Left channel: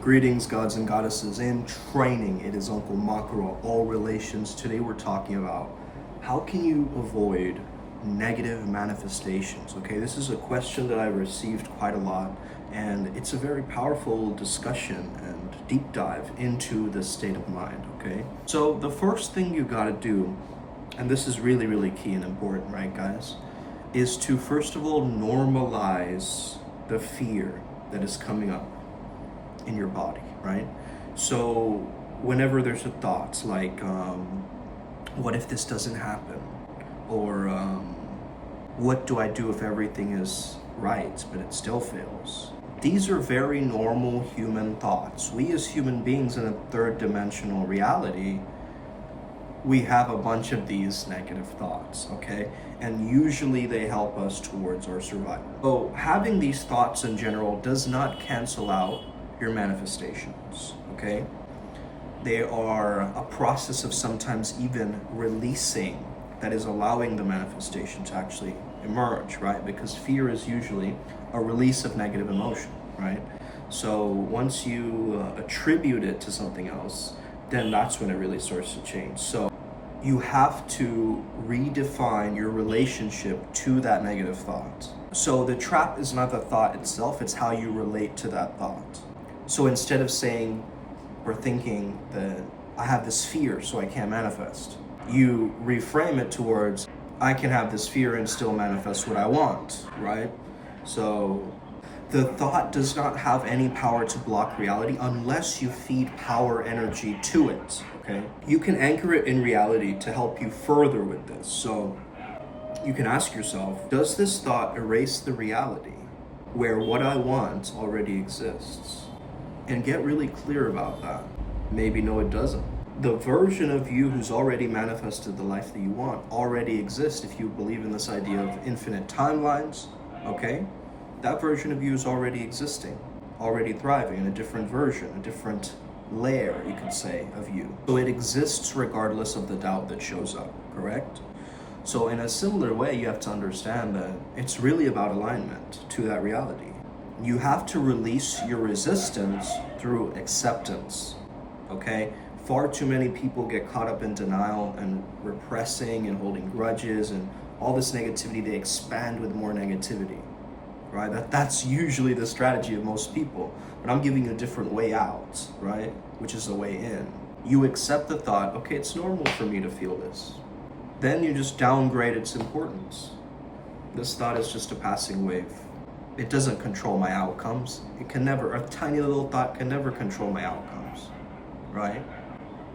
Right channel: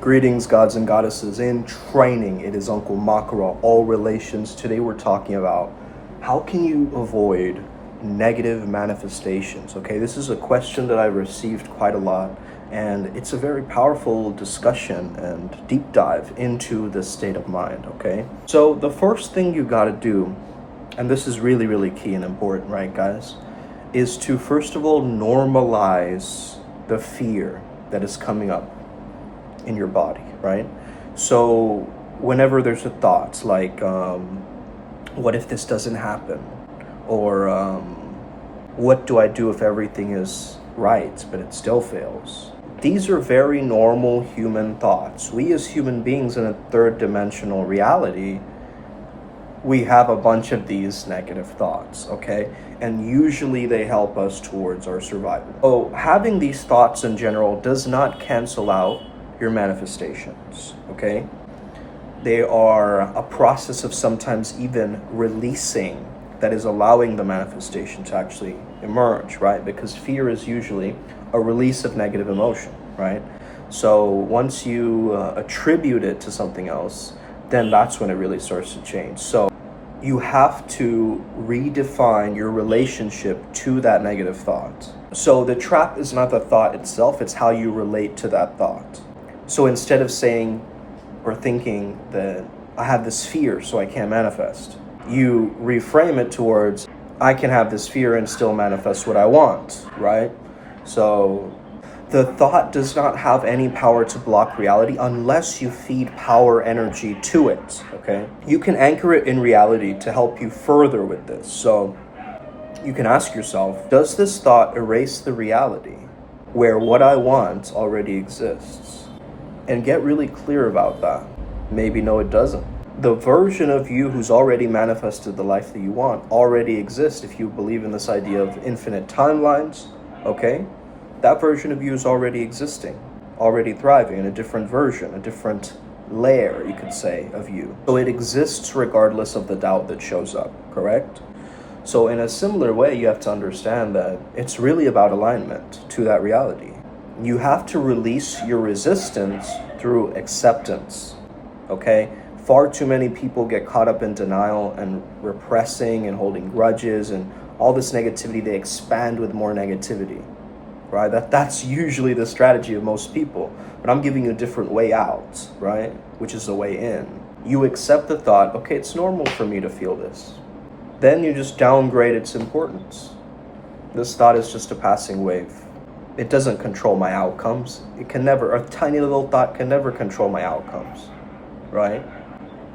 Greetings, gods and goddesses. In training, it is Uncle Makara, all relations. Today we're talking about how can you avoid negative manifestations. Okay, this is a question that I've received quite a lot, and it's a very powerful discussion and deep dive into the state of mind. Okay, so the first thing you got to do, and this is really key and important, right, guys, is to first of all normalize the fear that is coming up in your body, right? So whenever there's a thought like, what if this doesn't happen? Or what do I do if everything is right, but it still fails? These are very normal human thoughts. We as human beings in a third dimensional reality, we have a bunch of these negative thoughts, okay? And usually they help us towards our survival. So having these thoughts in general does not cancel out your manifestations, okay? They are a process of sometimes even releasing that is allowing the manifestation to actually emerge, right? Because fear is usually a release of negative emotion, right? So once you attribute it to something else, then that's when it really starts to change. So you have to redefine your relationship to that negative thought. So the trap is not the thought itself, it's how you relate to that thought. So instead of saying or thinking that I have this fear so I can't manifest, you reframe it towards I can have this fear and still manifest what I want, right? So the thought does not have any power to block reality unless you feed power energy to it, okay? You can anchor it in reality to help you further with this. So you can ask yourself, does this thought erase the reality where what I want already exists? And get really clear about that. Maybe no, it doesn't. The version of you who's already manifested the life that you want already exists if you believe in this idea of infinite timelines, okay? That version of you is already existing, already thriving in a different version, a different layer, you could say, of you. So it exists regardless of the doubt that shows up, correct? So in a similar way, you have to understand that it's really about alignment to that reality. You have to release your resistance through acceptance, okay? Far too many people get caught up in denial and repressing and holding grudges and all this negativity. They expand with more negativity, right? That's usually the strategy of most people. But I'm giving you a different way out, right? Which is the way in. You accept the thought, okay, it's normal for me to feel this. Then you just downgrade its importance. This thought is just a passing wave. It doesn't control my outcomes. A tiny little thought can never control my outcomes, right?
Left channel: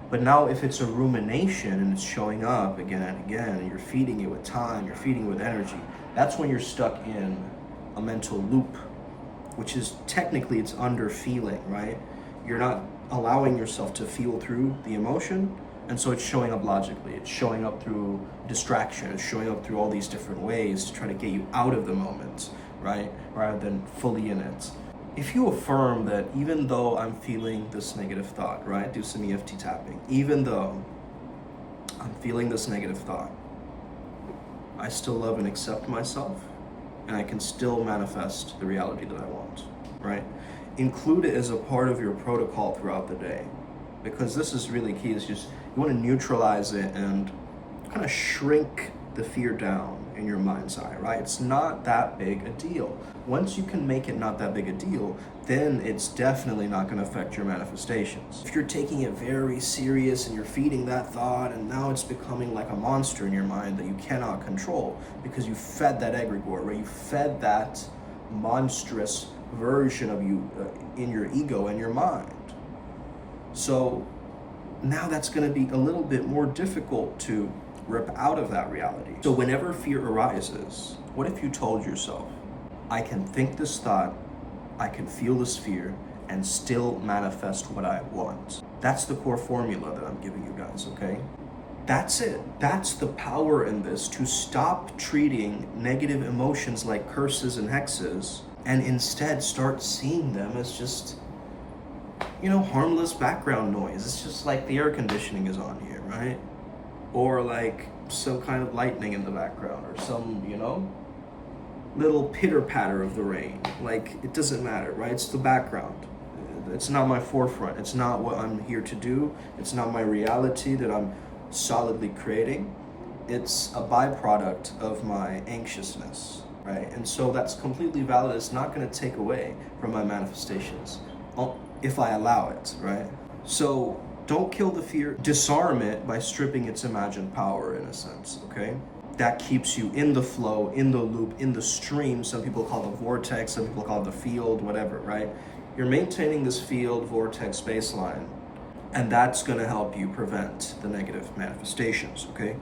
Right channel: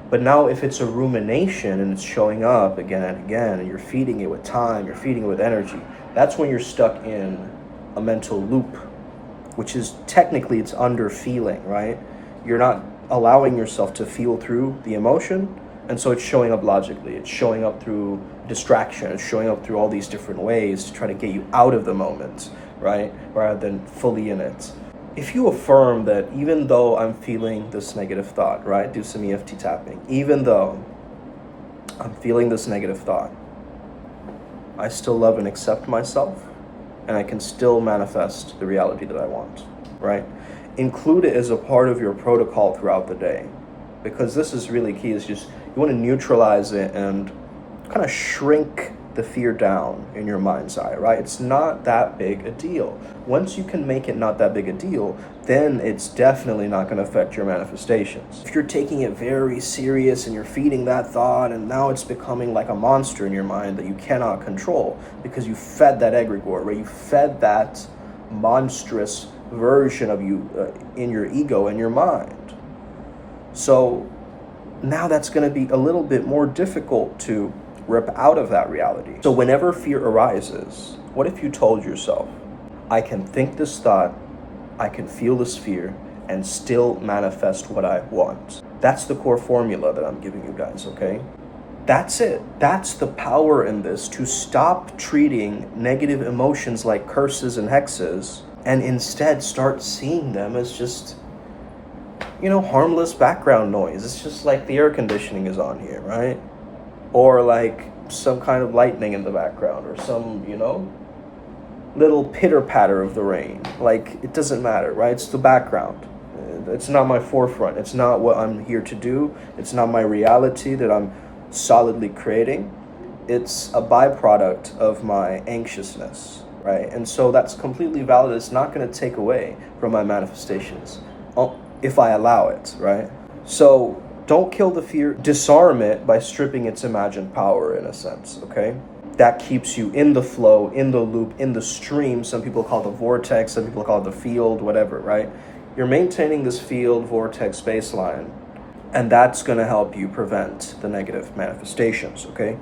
But now if it's a rumination and it's showing up again and again, and you're feeding it with time, you're feeding it with energy, that's when you're stuck in a mental loop, which is technically it's under feeling, right? You're not allowing yourself to feel through the emotion, and so it's showing up logically. It's showing up through distraction. It's showing up through all these different ways to try to get you out of the moment, right? Rather than fully in it. If you affirm that even though I'm feeling this negative thought, right? Do some EFT tapping. Even though I'm feeling this negative thought, I still love and accept myself, and I can still manifest the reality that I want, right? Include it as a part of your protocol throughout the day, because this is really key. Is just you want to neutralize it and kind of shrink the fear down in your mind's eye, right? It's not that big a deal. Once you can make it not that big a deal, then it's definitely not going to affect your manifestations. If you're taking it very serious and you're feeding that thought and now it's becoming like a monster in your mind that you cannot control because you fed that egregore, right? You fed that monstrous version of you in your ego and your mind. So now that's going to be a little bit more difficult to rip out of that reality. So whenever fear arises, what if you told yourself, I can think this thought, I can feel this fear, and still manifest what I want? That's the core formula that I'm giving you guys, okay? That's it. That's the power in this, to stop treating negative emotions like curses and hexes and instead start seeing them as just, harmless background noise. It's just like the air conditioning is on here, right? Or like some kind of lightning in the background, or some, little pitter patter of the rain. Like, it doesn't matter, right? It's the background. It's not my forefront. It's not what I'm here to do. It's not my reality that I'm solidly creating. It's a byproduct of my anxiousness, right? And so that's completely valid. It's not going to take away from my manifestations if I allow it, right? So don't kill the fear. Disarm it by stripping its imagined power, in a sense, okay? That keeps you in the flow, in the loop, in the stream. Some people call it the vortex, some people call it the field, whatever, right? You're maintaining this field, vortex, baseline, and that's going to help you prevent the negative manifestations, okay?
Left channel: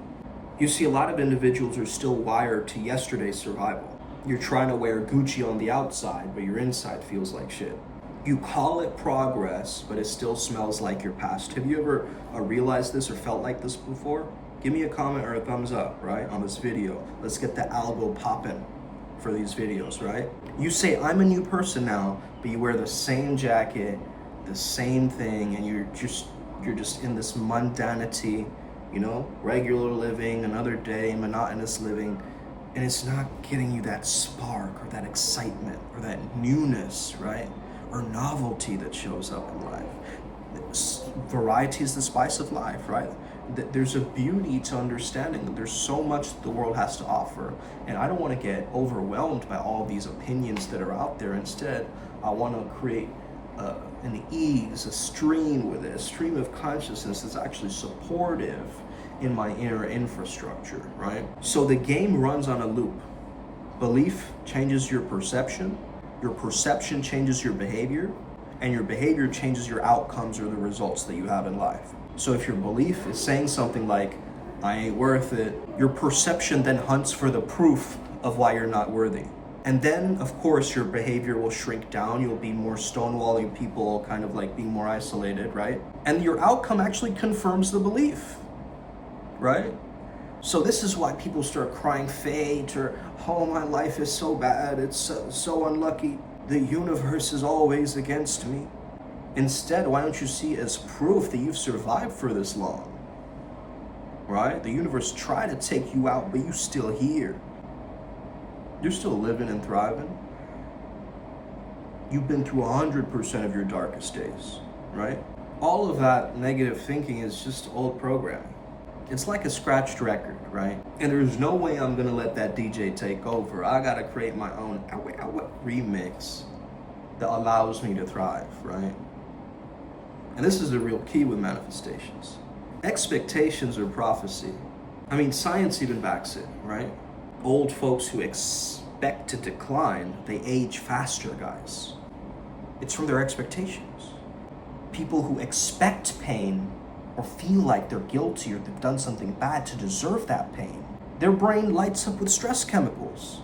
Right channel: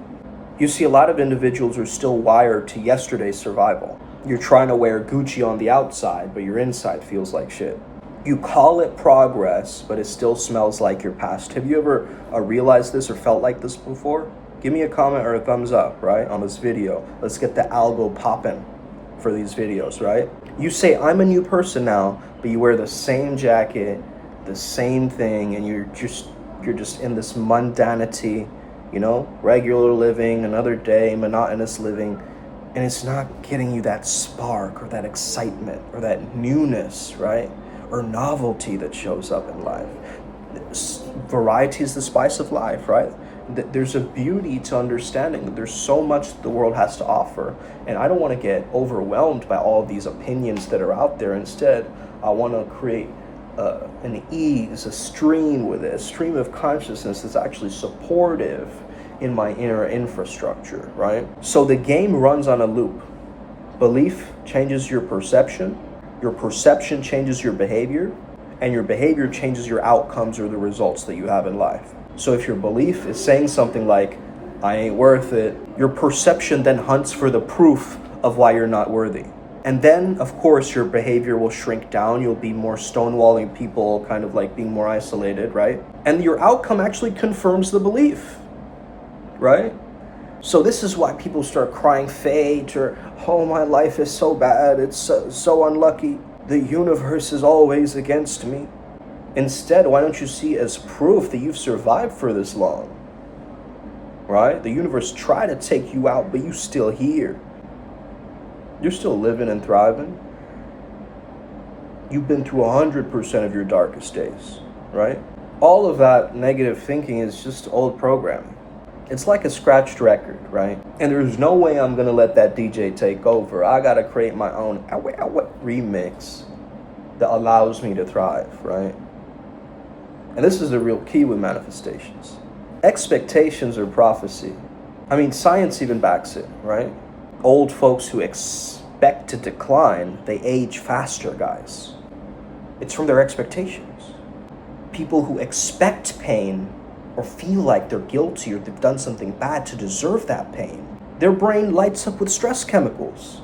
You see, a lot of individuals are still wired to yesterday's survival. You're trying to wear Gucci on the outside, but your inside feels like shit. You call it progress, but it still smells like your past. Have you ever realized this or felt like this before? Give me a comment or a thumbs up, right, on this video. Let's get the algo popping for these videos, right? You say, I'm a new person now, but you wear the same jacket, the same thing, and you're just in this mundanity, you know, regular living, another day, monotonous living, and it's not getting you that spark or that excitement or that newness, right? Or novelty that shows up in life. Variety is the spice of life, right? There's a beauty to understanding that there's so much that the world has to offer, and I don't want to get overwhelmed by all of these opinions that are out there. Instead, I want to create an ease, a stream with it, a stream of consciousness that's actually supportive in my inner infrastructure, right? So the game runs on a loop. Belief changes your perception changes your behavior, and your behavior changes your outcomes or the results that you have in life. So if your belief is saying something like, I ain't worth it, your perception then hunts for the proof of why you're not worthy. And then, of course, your behavior will shrink down. You'll be more stonewalling people, kind of like being more isolated, right? And your outcome actually confirms the belief, right? So this is why people start crying fate or, oh, my life is so bad, it's so unlucky. The universe is always against me. Instead, why don't you see as proof that you've survived for this long, right? The universe tried to take you out, but you're still here. You're still living and thriving. You've been through 100% of your darkest days, right? All of that negative thinking is just old programming. It's like a scratched record, right? And there's no way I'm gonna let that DJ take over. I gotta create my own remix that allows me to thrive, right? And this is the real key with manifestations. Expectations are prophecy. I mean, science even backs it, right? Old folks who expect to decline, they age faster, guys. It's from their expectations. People who expect pain or feel like they're guilty or they've done something bad to deserve that pain, their brain lights up with stress chemicals.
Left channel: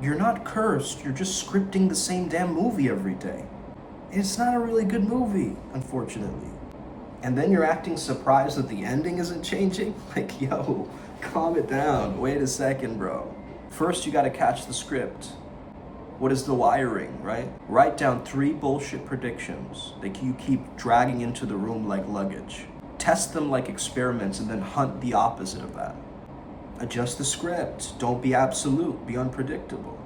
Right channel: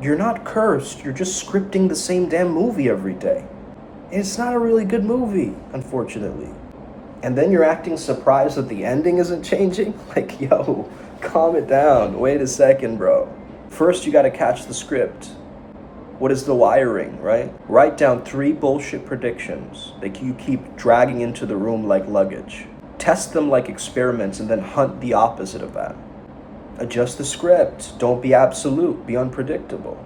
You're not cursed, you're just scripting the same damn movie every day. It's not a really good movie, unfortunately. And then you're acting surprised that the ending isn't changing? Like, yo, calm it down. Wait a second, bro. First, you gotta catch the script. What is the wiring, right? Write down 3 bullshit predictions that you keep dragging into the room like luggage. Test them like experiments and then hunt the opposite of that. Adjust the script. Don't be absolute. Be unpredictable.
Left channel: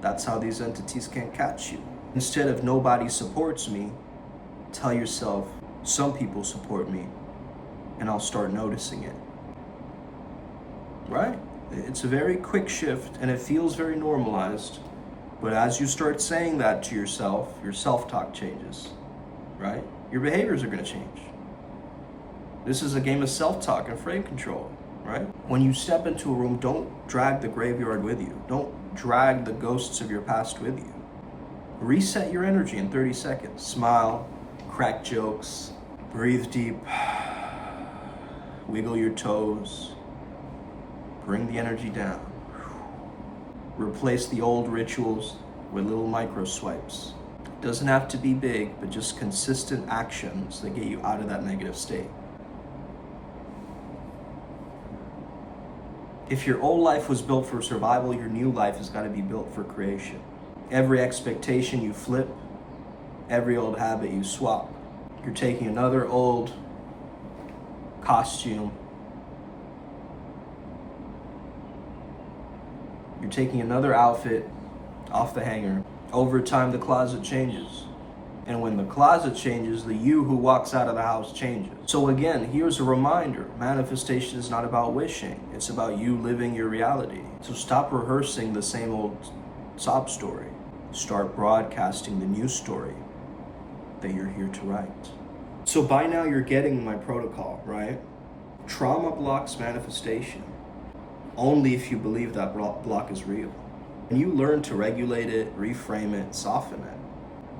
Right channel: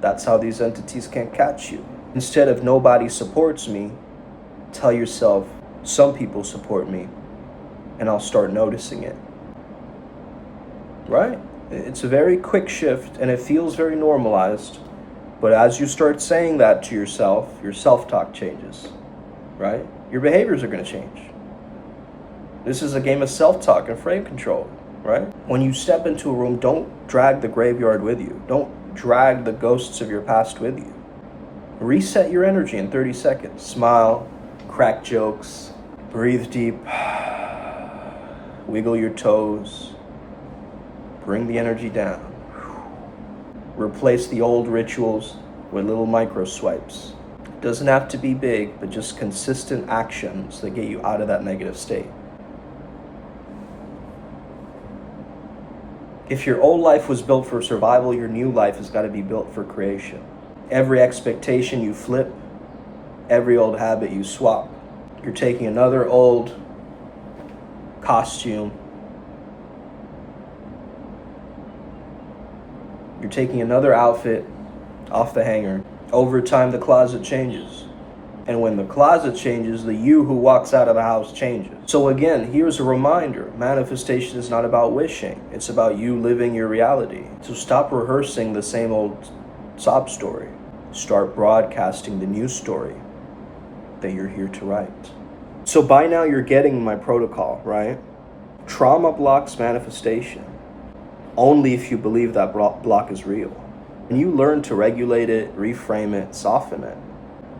That's how these entities can't catch you. Instead of nobody supports me, tell yourself, some people support me, and I'll start noticing it. Right? It's a very quick shift, and it feels very normalized. But as you start saying that to yourself, your self-talk changes, right? Your behaviors are going to change. This is a game of self-talk and frame control, right? When you step into a room, don't drag the graveyard with you. Don't drag the ghosts of your past with you. Reset your energy in 30 seconds. Smile, crack jokes, breathe deep, wiggle your toes, bring the energy down. Replace the old rituals with little micro swipes. It doesn't have to be big, but just consistent actions that get you out of that negative state. If your old life was built for survival, your new life has got to be built for creation. Every expectation you flip, every old habit you swap. You're taking another old costume, you're taking another outfit off the hanger. Over time, the closet changes. And when the closet changes, the you who walks out of the house changes. So again, here's a reminder. Manifestation is not about wishing. It's about you living your reality. So stop rehearsing the same old sob story. Start broadcasting the new story that you're here to write. So by now you're getting my protocol, right? Trauma blocks manifestation only if you believe that block is real. When you learn to regulate it, reframe it, soften it,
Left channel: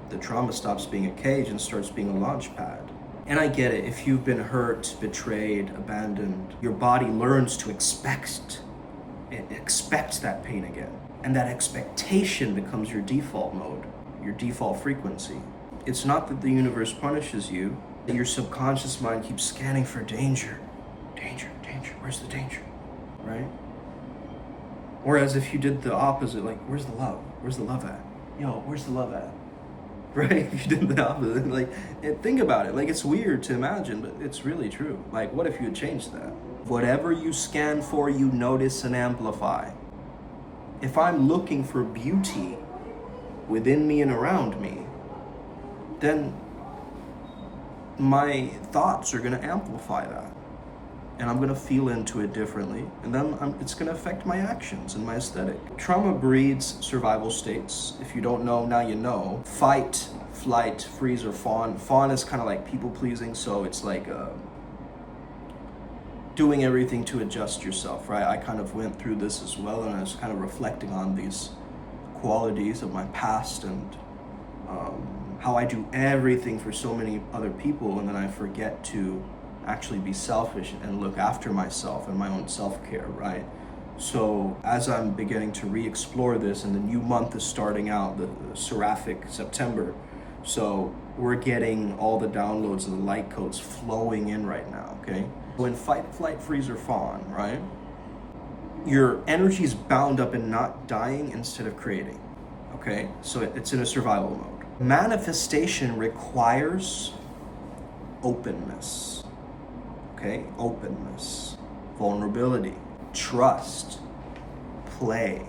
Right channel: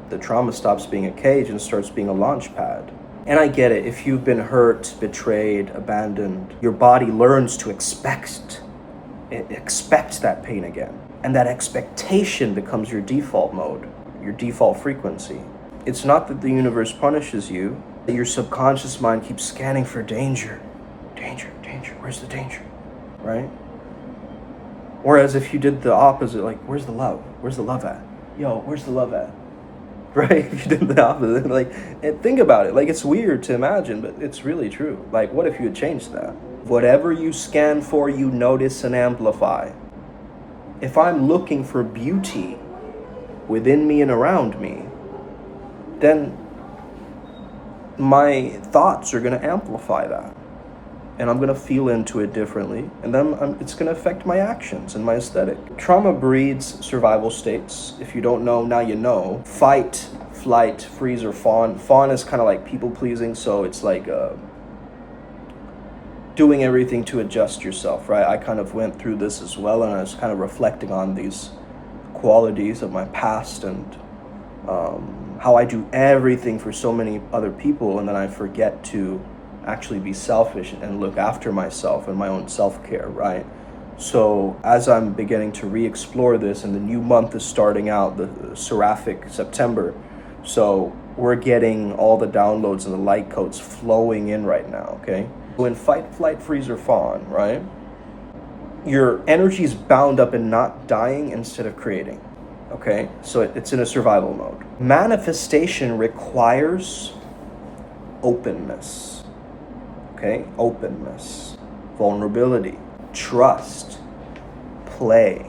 the trauma stops being a cage and starts being a launch pad. And I get it. If you've been hurt, betrayed, abandoned, your body learns to expect that pain again. And that expectation becomes your default mode, your default frequency. It's not that the universe punishes you, that your subconscious mind keeps scanning for danger. Danger, danger, where's the danger, right? Whereas if you did the opposite, like, where's the love? Where's the love at? Yo, where's the love at? Right? If you did the opposite, like, and think about it. Like, it's weird to imagine, but it's really true. Like, what if you had changed that? Whatever you scan for, you notice and amplify. If I'm looking for beauty within me and around me, then my thoughts are going to amplify that. And I'm going to feel into it differently. And then it's going to affect my actions and my aesthetic. Trauma breeds survival states. If you don't know, now you know. Fight, flight, freeze, or fawn. Fawn is kind of like people pleasing. So it's like doing everything to adjust yourself, right? I kind of went through this as well. And I was kind of reflecting on these qualities of my past and how I do everything for so many other people. And then I forget to actually be selfish and look after myself and my own self-care, right? So as I'm beginning to re-explore this, and the new month is starting out, the seraphic September, so we're getting all the downloads and the light codes flowing in right now, okay? So in fight, flight, freeze, or fawn, right? Your energy is bound up in not dying instead of creating, okay? So it's in a survival mode. Manifestation requires openness. Okay, openness, vulnerability, trust, play.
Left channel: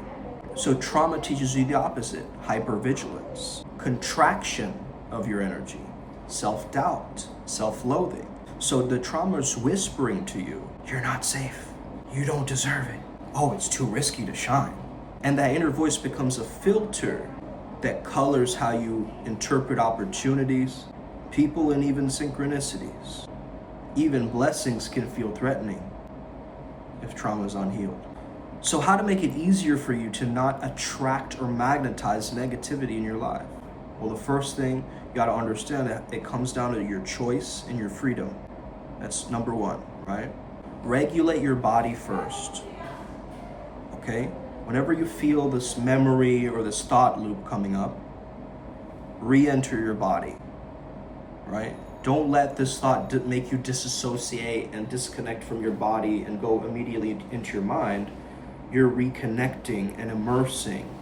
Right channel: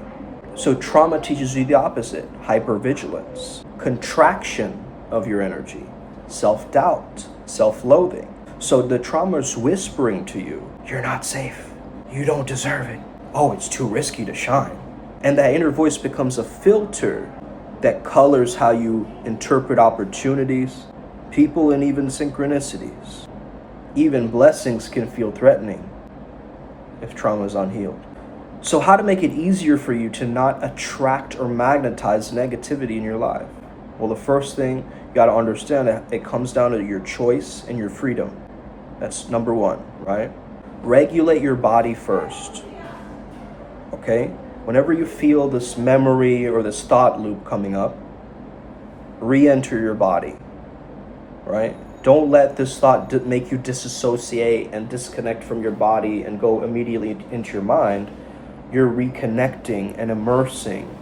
So trauma teaches you the opposite: hypervigilance, contraction of your energy, self-doubt, self-loathing. So the trauma is whispering to you, you're not safe, you don't deserve it, oh, it's too risky to shine. And that inner voice becomes a filter that colors how you interpret opportunities, people, and even synchronicities. Even blessings can feel threatening if trauma is unhealed. So how to make it easier for you to not attract or magnetize negativity in your life? Well, the first thing you got to understand that it comes down to your choice and your freedom. That's number one, right? Regulate your body first, okay? Whenever you feel this memory or this thought loop coming up, re-enter your body, right? Don't let this thought make you disassociate and disconnect from your body and go immediately into your mind. You're reconnecting and immersing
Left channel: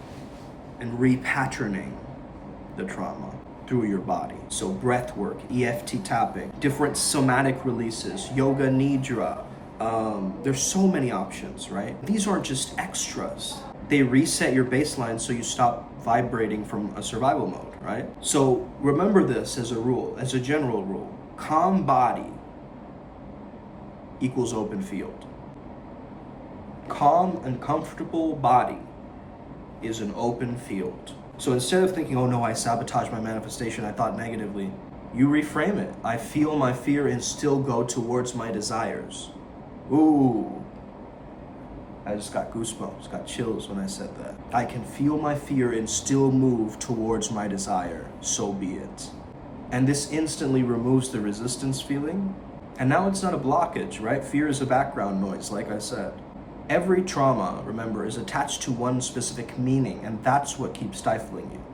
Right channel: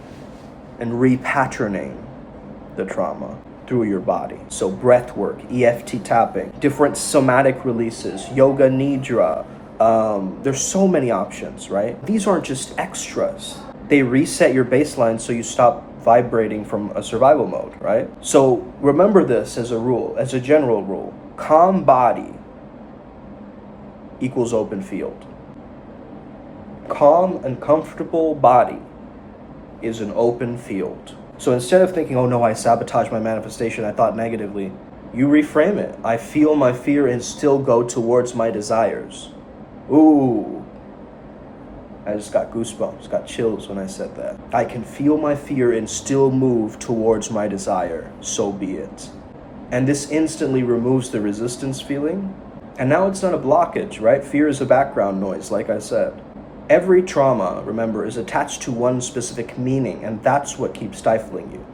and repatterning the trauma through your body. So breath work, EFT tapping, different somatic releases, yoga nidra. There's so many options, right? These aren't just extras. They reset your baseline so you stop vibrating from a survival mode, right? So remember this as a rule, as a general rule. Calm body equals open field. Calm and comfortable body is an open field. So instead of thinking, oh no, I sabotaged my manifestation, I thought negatively, you reframe it. I feel my fear and still go towards my desires. Ooh. I just got goosebumps, got chills when I said that. I can feel my fear and still move towards my desire, so be it. And this instantly removes the resistance feeling. And now it's not a blockage, right? Fear is a background noise, like I said. Every trauma, remember, is attached to one specific meaning, and that's what keeps stifling you.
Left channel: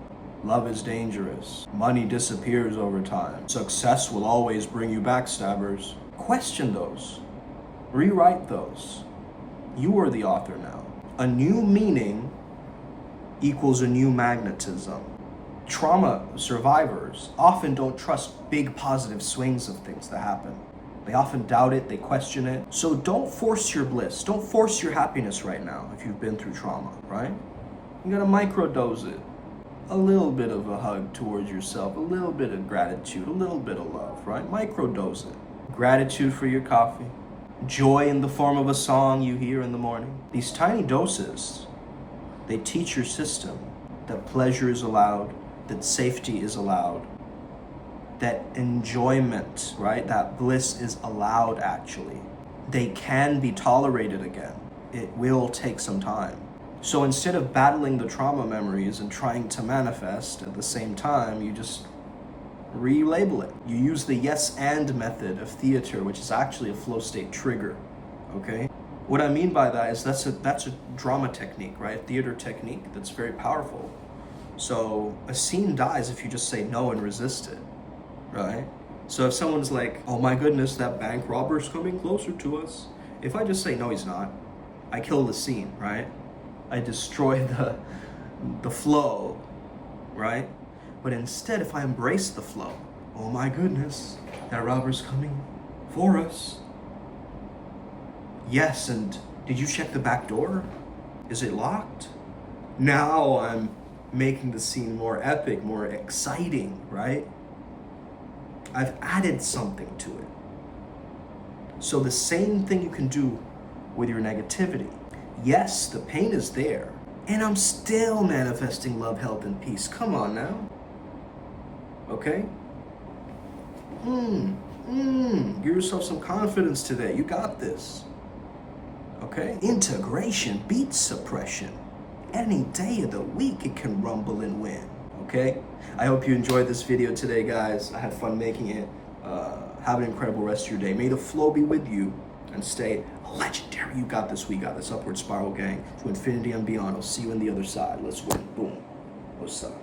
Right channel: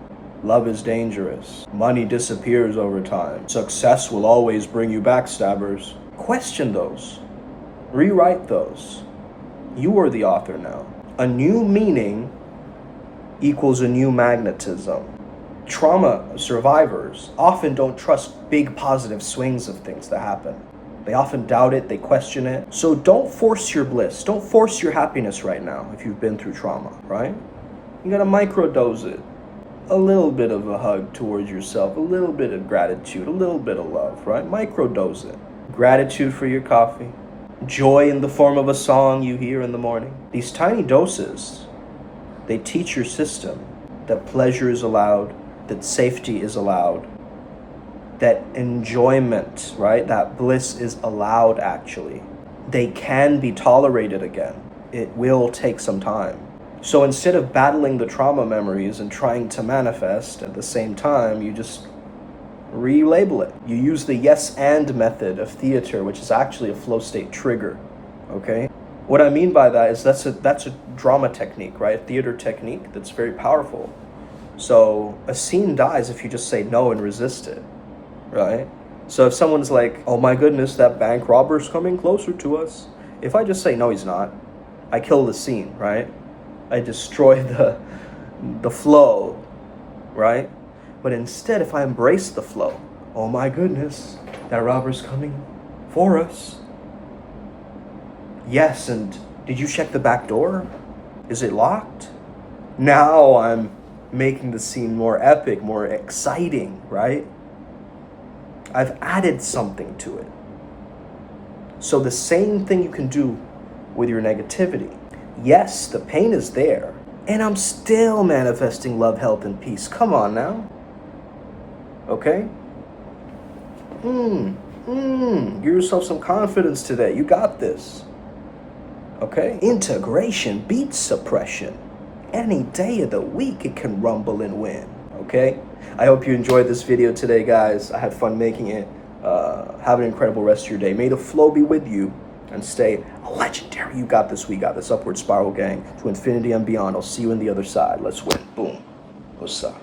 Love is dangerous. Money disappears over time. Success will always bring you backstabbers. Question those. Rewrite those. You are the author now. A new meaning equals a new magnetism. Trauma survivors often don't trust big positive swings of things that happen. They often doubt it, they question it. So don't force your bliss. Don't force your happiness right now if you've been through trauma, right? You gotta microdose it. a little bit of a hug towards yourself, a little bit of gratitude, a little bit of love, right? Microdose it. Gratitude for your coffee, joy in the form of a song you hear in the morning. These tiny doses, they teach your system that pleasure is allowed, that safety is allowed, that enjoyment, right? That bliss is allowed actually. They can be tolerated again. It will take some time. So instead of battling the trauma memories and trying to manifest at the same time, you just relabel it. You use the yes and method of theater, which is actually a flow state trigger, okay? What I mean by that is that's a drama technique, right? A theater technique that's very powerful. So a scene dies if you just say no and resist it, right? So if someone's like, oh my goodness, that bank robber's coming closer to us. If I just say, no, he's not, I kill the scene, right? I destroy the flow, right? But instead, if I embrace the flow, oh my goodness, that robber's coming for us. Yes, and did you check the back door? Is it locked? Now I'm making the scene more epic, more exciting, right? I've added something to it. So the same thing you can do with your negativity. Yes, the pain is there, and I'm still manifesting love, health, and peace. Come on now. Okay? Give yourself some confidence today. You got this. Okay? Integration beats suppression. Any day of the week it can rumble and win. Okay? I hope you enjoyed this video today, guys. I had fun making it. Have an incredible rest of your day. May the flow be with you and stay legendary. You got this. We got this. Upward Spiral Gang to infinity and beyond. I'll see you on the other side. Let's win. Boom. What's up?